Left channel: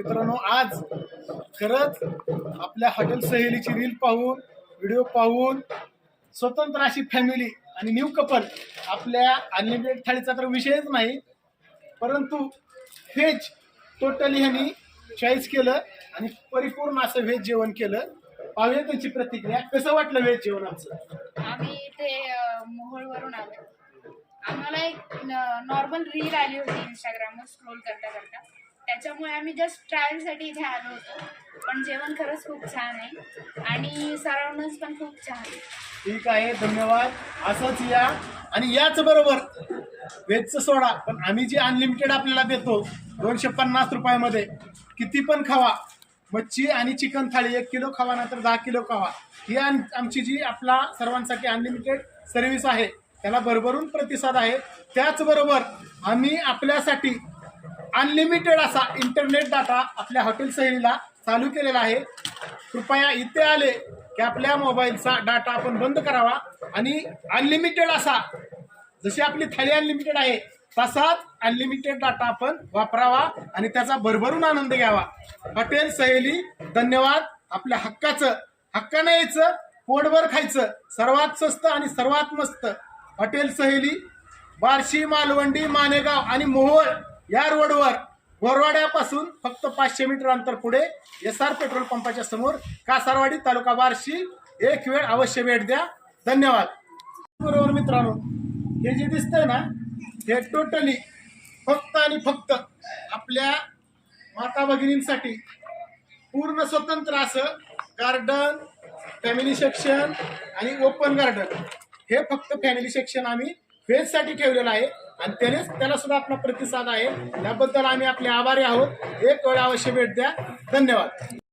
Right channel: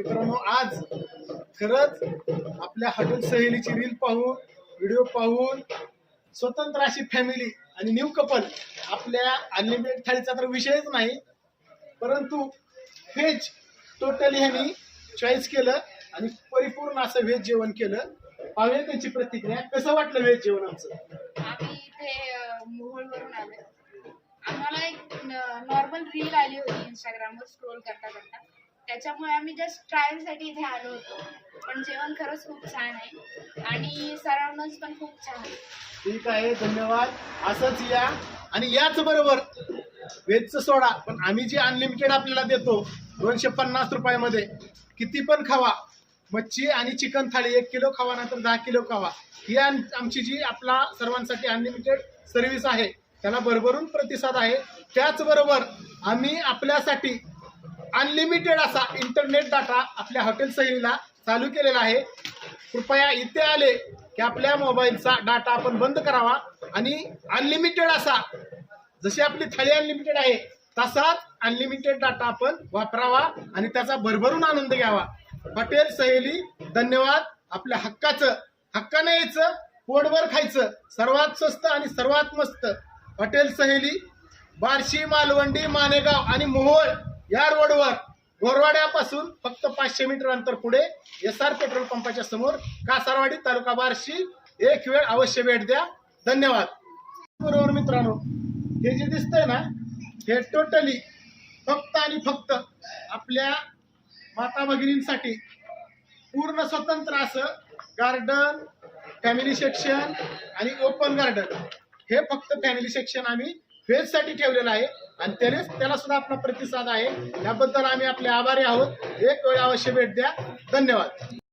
मित्रांनो आज खरंच आपल्या हॉटेल सहेलीची रील पाहून व्हिडिओ पाहून स्वतंत्र अशी फॅमिली आणि न्यू कपल आपल्या अनलिमिटेड थाळीचा तर विषयच नाही परंतु व्हेज टोटली ह्यांनी चॉईस केलं आणि परिपूर्ण असं व्हेज जेवण केलं. पाहूया त्यांची प्रतिक्रिया. कसं वाटलं व्हेज जेवण आमचं? आम्ही इथे अ, मोहोळवरून आलो आम्हाला एक नॉर्मल रील आली होती इंस्टाग्रामवर स्क्रोल करता करता. त्याच्यामुळे आम्ही जस्ट ट्रायलसाठी इथे आलो होतो. पण जेवण खरंच खूप छान आहे. आणि सराउंडन्स पण खूप छान आहे. ठीक आहे धन्यवाद. असंच या. आणि याच बरोबर व्हेजचं सोडा. पण आम्ही जे अनलिमिटेड आपल्याला देतो दोनशे पन्नास रुपयामध्ये किती पण खावा. मच्छी आणि चिकन थाळी एक किलो खावा नंतर दहा किलो खावा. ही आम- आमची जी आपला सर्वांसाठी अनलिमिटेड सर्व्हिस आहे त्याला भरभरून प्रतिसाद आहे. त्याचबरोबर आम्ही आपल्यासाठी अनलिमिटेड असा इंटरनेट डाटा आपल्या हॉटेल सहलीला चालू केलेला आहे. कृपया इथे आले की आपल्या मोबाईलचा डाटा आपण बंद करावा. आणि अनलिमिटेड असा जशी आपली थाळी अनलिमिटेड आहे तसाच अनलिमिटेड डाटा आपण वापरावा आणि त्याचा भरभरून आनंद घ्यावा. हॉटेल सहेली धन्यवाद. आपल्या हक्काचं हक्कानं यायचं पोटभर खायचं. सर्वात स्वस्त आणि सर्वात मस्त. हॉटेल सहेली बार्शी मालवंडी मानेगाव आणि मोहोळ. या रोडवर गोरवाड्यापासून फक्त पाचशे मीटर अंतर पुढे एस आर पेट्रोल पंपाच्या समोर कासारवाडी तालुका बार्शी एक वेळ अवश्य भेट द्या. धन्यवाद. बरोबर मित्रांनो हे जे दिसतंय ना हे टोटली फक्त आणि फक्त आपल्या माता भगिनींसाठी पूर्ण स्वतंत्र असं गार्डन फॅमिली सेक्शन आणि ओपन गार्डन हे फक्त फॅमिली सेक्शन आम्ही वेजसाठी ठेवलेलं आहे. आणि त्यानेच त्याला सुद्धा आपला प्रतिसाद आहे. याबद्दल आम्ही आपले आभारी आहोत. एक वेळ अवश्य भेट द्या. धन्यवाद.